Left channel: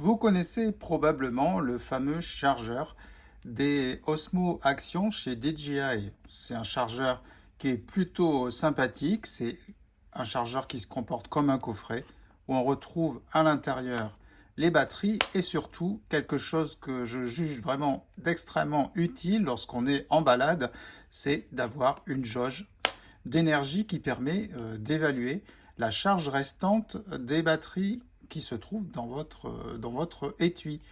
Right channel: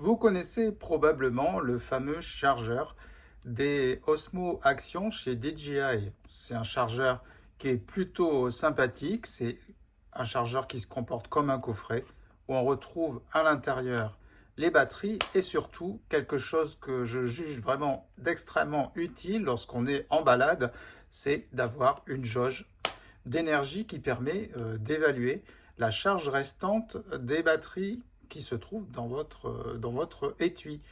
Vous connaissez probablement le fameux chargeur des Osmo Action chez DJI. C'est un chargeur qui est plutôt sympathique. C'est un chargeur qui se comporte comme un coffret où on retrouve à l'intérieur les batteries et surtout quelque chose que je juge vraiment d'extrêmement utile lorsqu'on est en balade, c'est d'avoir une jauge d'énergie qui permet d'évaluer la charge restante des batteries qui se trouvent dans votre étui.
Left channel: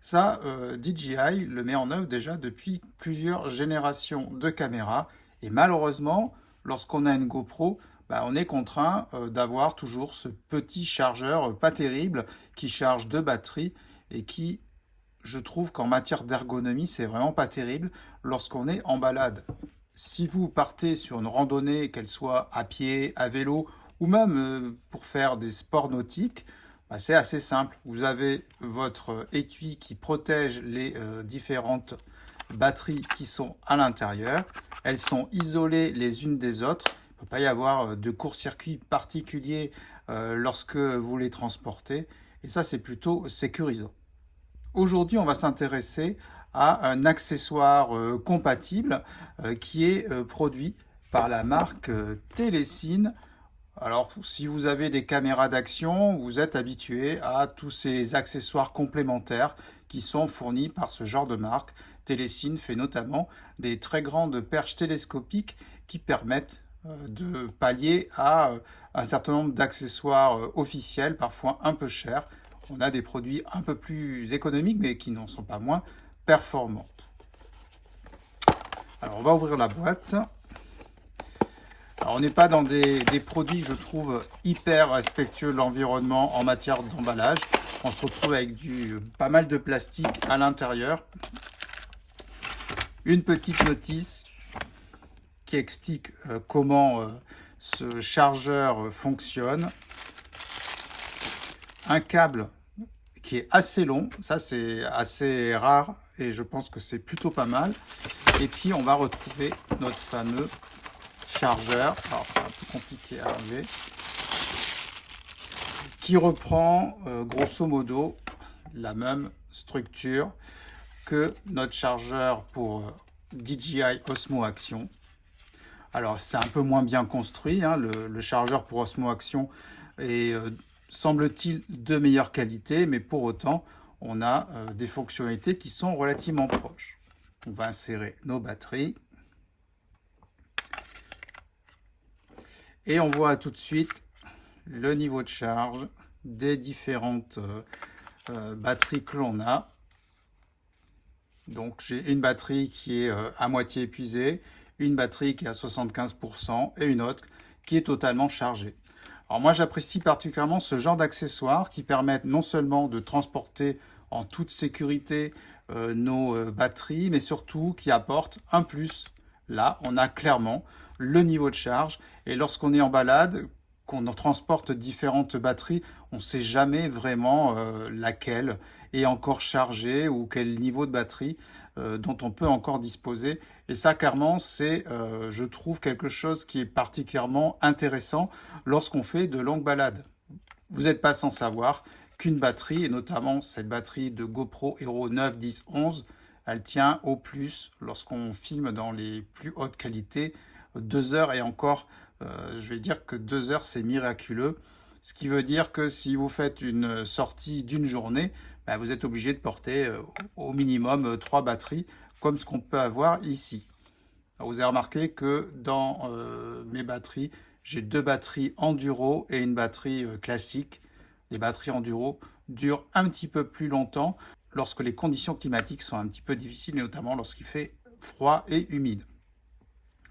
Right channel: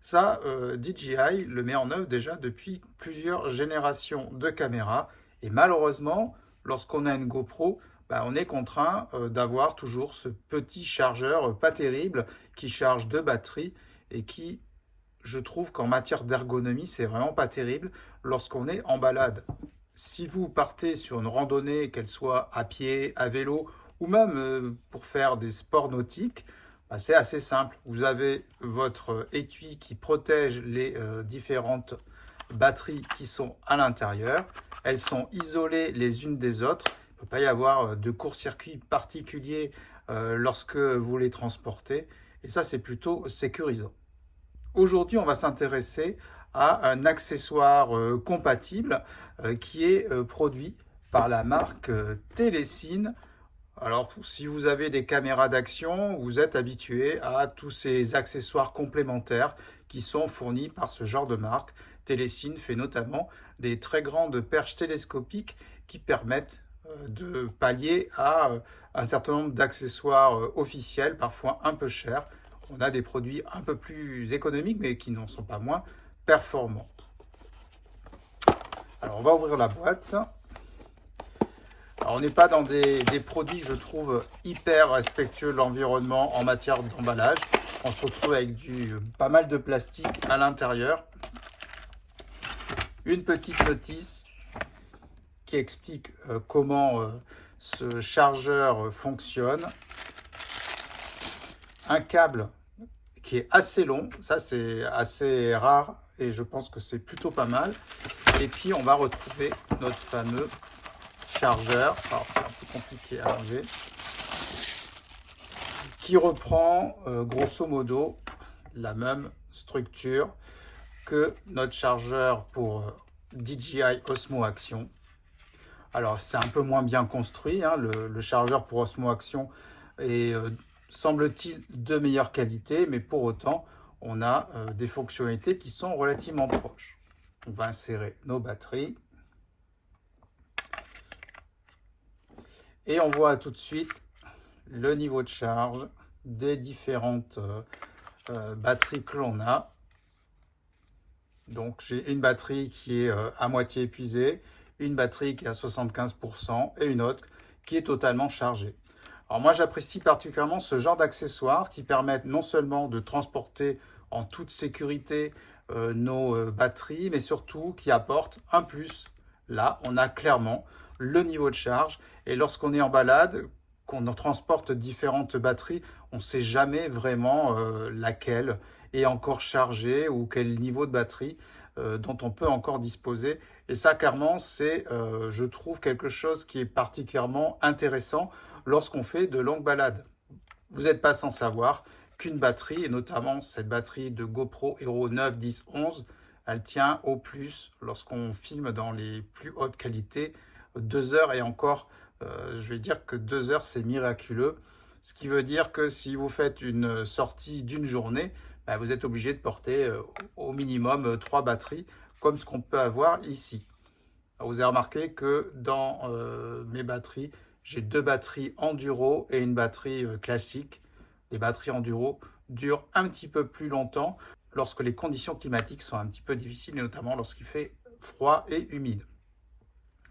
Ça, DJI le met en œuvre déjà depuis plusieurs générations de caméras. Et malheureusement, lorsqu'on a une GoPro, on est contraint d'avoir toujours ce petit chargeur pas terrible qui charge deux batteries et qui, je trouve qu'en matière d'ergonomie, c'est vraiment pas terrible lorsqu'on est en balade. Si vous partez sur une randonnée, qu'elle soit à pied, à vélo ou même pour faire des sports nautiques, c'est assez simple. Vous avez votre étui qui protège les différentes batteries qui sont à l'intérieur. Elles sont isolées les unes des autres. Il ne peut pas y avoir de court-circuit particulier lorsque vous les transportez. Et ça, c'est plutôt sécurisant. Aujourd'hui, on va s'intéresser à un accessoire compatible qui est produit par la marque Telecine. Alors, si vous avez des caméras d'action, vous êtes habitué à tous ces accessoires complémentaires qui sont fournis par ce genre de marque. Telecine fait notamment des très grandes perches télescopiques qui permettent de pallier à un certain nombre d'accessoires officiels, parfois un peu chers. On a des produits un peu plus économiques, mais qui n'en sont pas moins performants. Alors, on va ouvrir la boîte. Alors, on n'est pas dans des produits, je trouve, hyper respectueux de l'environnement en matière d'emballage. On se retrouve avec pas mal de plastique à l'intérieur. Une petite notice qui explique comment ce chargeur fonctionne. Un câble qui est assez long, ça c'est assez rare et je pense que c'est plutôt pas mal. Et puis on va retrouver notre fameux chargeur, alors c'est un peu compliqué à enlever, qui reprend grosso modo la même structure que notre chargeur pour DJI Osmo Action. Alors c'est un peu moins bien construit, hein, le chargeur pour Osmo Action est semble-t-il de meilleure qualité, mais pour autant on a des fonctionnalités qui sont relativement proches. On va insérer nos batteries. Et on voit tout de suite le niveau de charge des différentes batteries que l'on a. Donc j'ai une batterie qui est à moitié épuisée, une batterie qui est à 75% et une autre qui est totalement chargée. Alors moi j'apprécie particulièrement ce genre d'accessoires qui permettent non seulement de transporter en toute sécurité nos batteries, mais surtout qui apportent un plus. Là, on a clairement le niveau de charge et lorsqu'on est en balade, qu'on transporte différentes batteries, on ne sait jamais vraiment laquelle est encore chargée ou quel niveau de batterie dont on peut encore disposer. Et ça, clairement, c'est, je trouve, quelque chose qui est particulièrement intéressant lorsqu'on fait de longues balades. Vous n'êtes pas sans savoir qu'une batterie, et notamment cette batterie de GoPro Hero 9, 10, 11, elle tient au plus, lorsqu'on filme dans les plus hautes qualités, 2 heures et encore, je vais dire que 2 heures c'est miraculeux. Ce qui veut dire que si vous faites une sortie d'une journée, vous êtes obligé de porter au minimum 3 batteries, comme ce qu'on peut avoir ici. Vous avez remarqué que dans mes batteries, j'ai 2 batteries enduro et une batterie classique. Les batteries enduro durent un petit peu plus longtemps lorsque les conditions climatiques sont un petit peu difficiles, et notamment lorsqu'il fait froid et humide.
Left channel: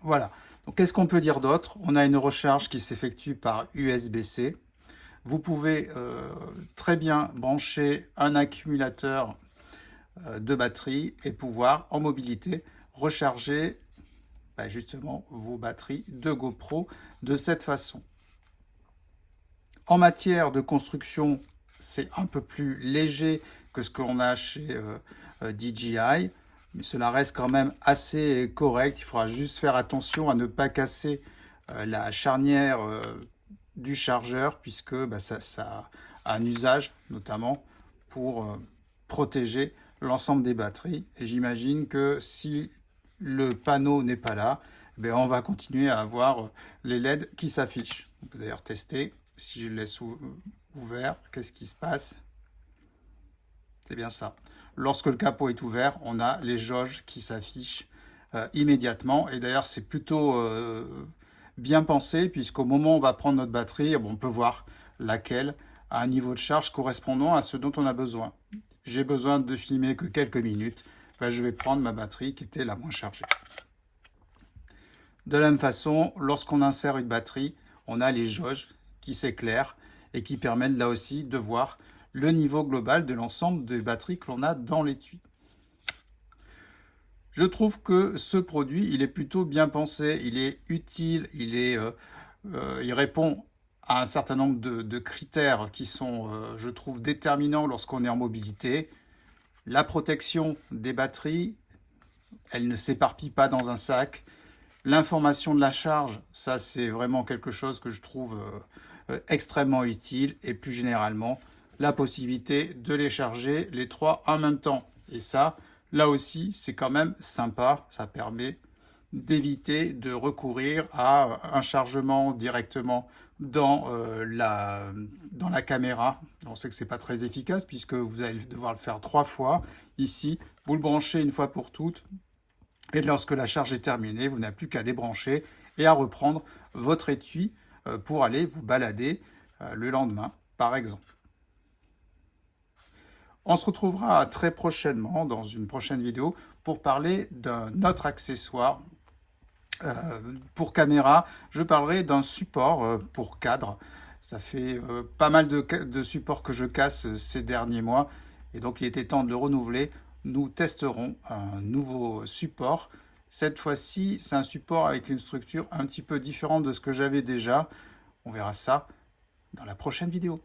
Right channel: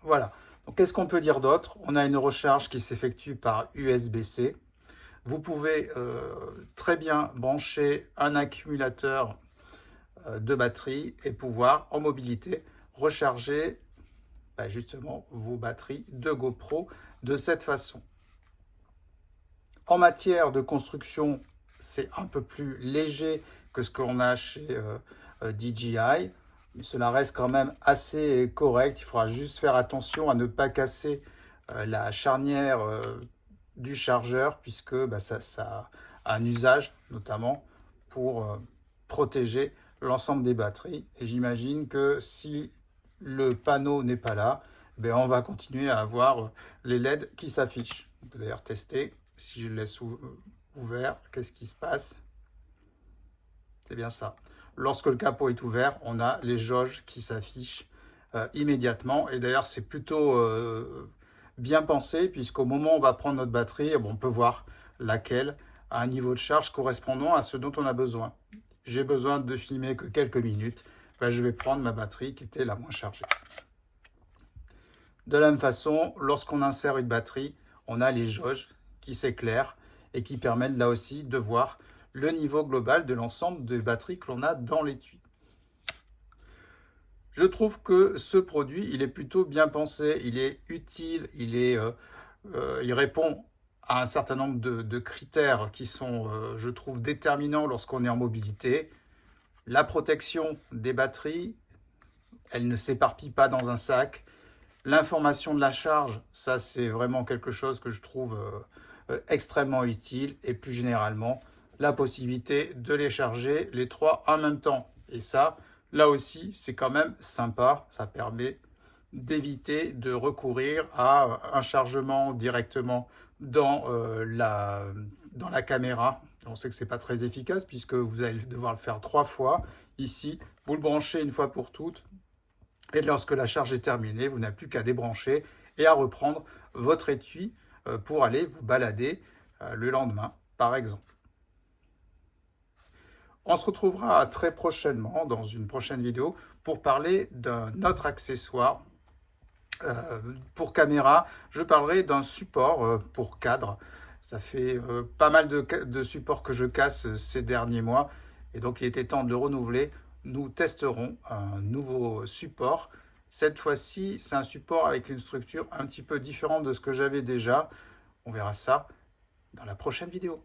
Voilà. Donc, qu'est-ce qu'on peut dire d'autre? On a une recharge qui s'effectue par USB-C. Vous pouvez très bien brancher un accumulateur de batterie et pouvoir, en mobilité, recharger justement vos batteries de GoPro de cette façon. En matière de construction, c'est un peu plus léger que ce que l'on a chez DJI, mais cela reste quand même assez correct. Il faudra juste faire attention à ne pas casser la charnière du chargeur puisque ça a un usage notamment pour protéger l'ensemble des batteries. Et j'imagine que si le panneau n'est pas là, ben on va continuer à avoir les LED qui s'affichent. D'ailleurs, tester, si je le laisse ouvert, qu'est-ce qui se passe? C'est bien ça. Lorsque le capot est ouvert, on a les jauges qui s'affichent immédiatement. Et d'ailleurs, c'est plutôt bien pensé, puisqu'au moment où on va prendre notre batterie, on peut voir laquelle a un niveau de charge correspondant à ce dont on a besoin. J'ai besoin de filmer que quelques minutes, ben, je vais prendre ma batterie qui était la moins chargée. De la même façon, lorsqu'on insère une batterie, on a les jauges qui s'éclairent et qui permettent là aussi de voir le niveau global de l'ensemble des batteries que l'on a dans l'étui. Je trouve que ce produit, il est plutôt bien pensé, il est utile, il répond à un certain nombre de critères qui sont, je trouve, déterminants lorsqu'on est en mobilité. La protection des batteries, elle ne s'éparpille pas dans un sac. L'information de la charge, ça c'est vraiment quelque chose que je trouve extrêmement utile. Et plus généralement, la possibilité de les charger les trois en même temps. Et ça, là aussi, c'est quand même sympa. Ça permet d'éviter de recourir à un chargement directement dans la caméra. On sait que ce n'est pas très efficace puisque vous allez devoir le faire 3 fois. Ici, vous le branchez une fois pour toutes. Et lorsque la charge est terminée, vous n'avez plus qu'à débrancher et à reprendre votre étui pour aller vous balader le lendemain, par exemple. On se retrouvera très prochainement dans une prochaine vidéo pour parler d'un autre accessoire pour caméra. Je parlerai d'un support pour cadre. Ça fait pas mal de supports que je casse ces derniers mois et donc il était temps de le renouveler. Nous testerons un nouveau support. Cette fois-ci, c'est un support avec une structure un petit peu différente de ce que j'avais déjà. On verra ça dans la prochaine vidéo.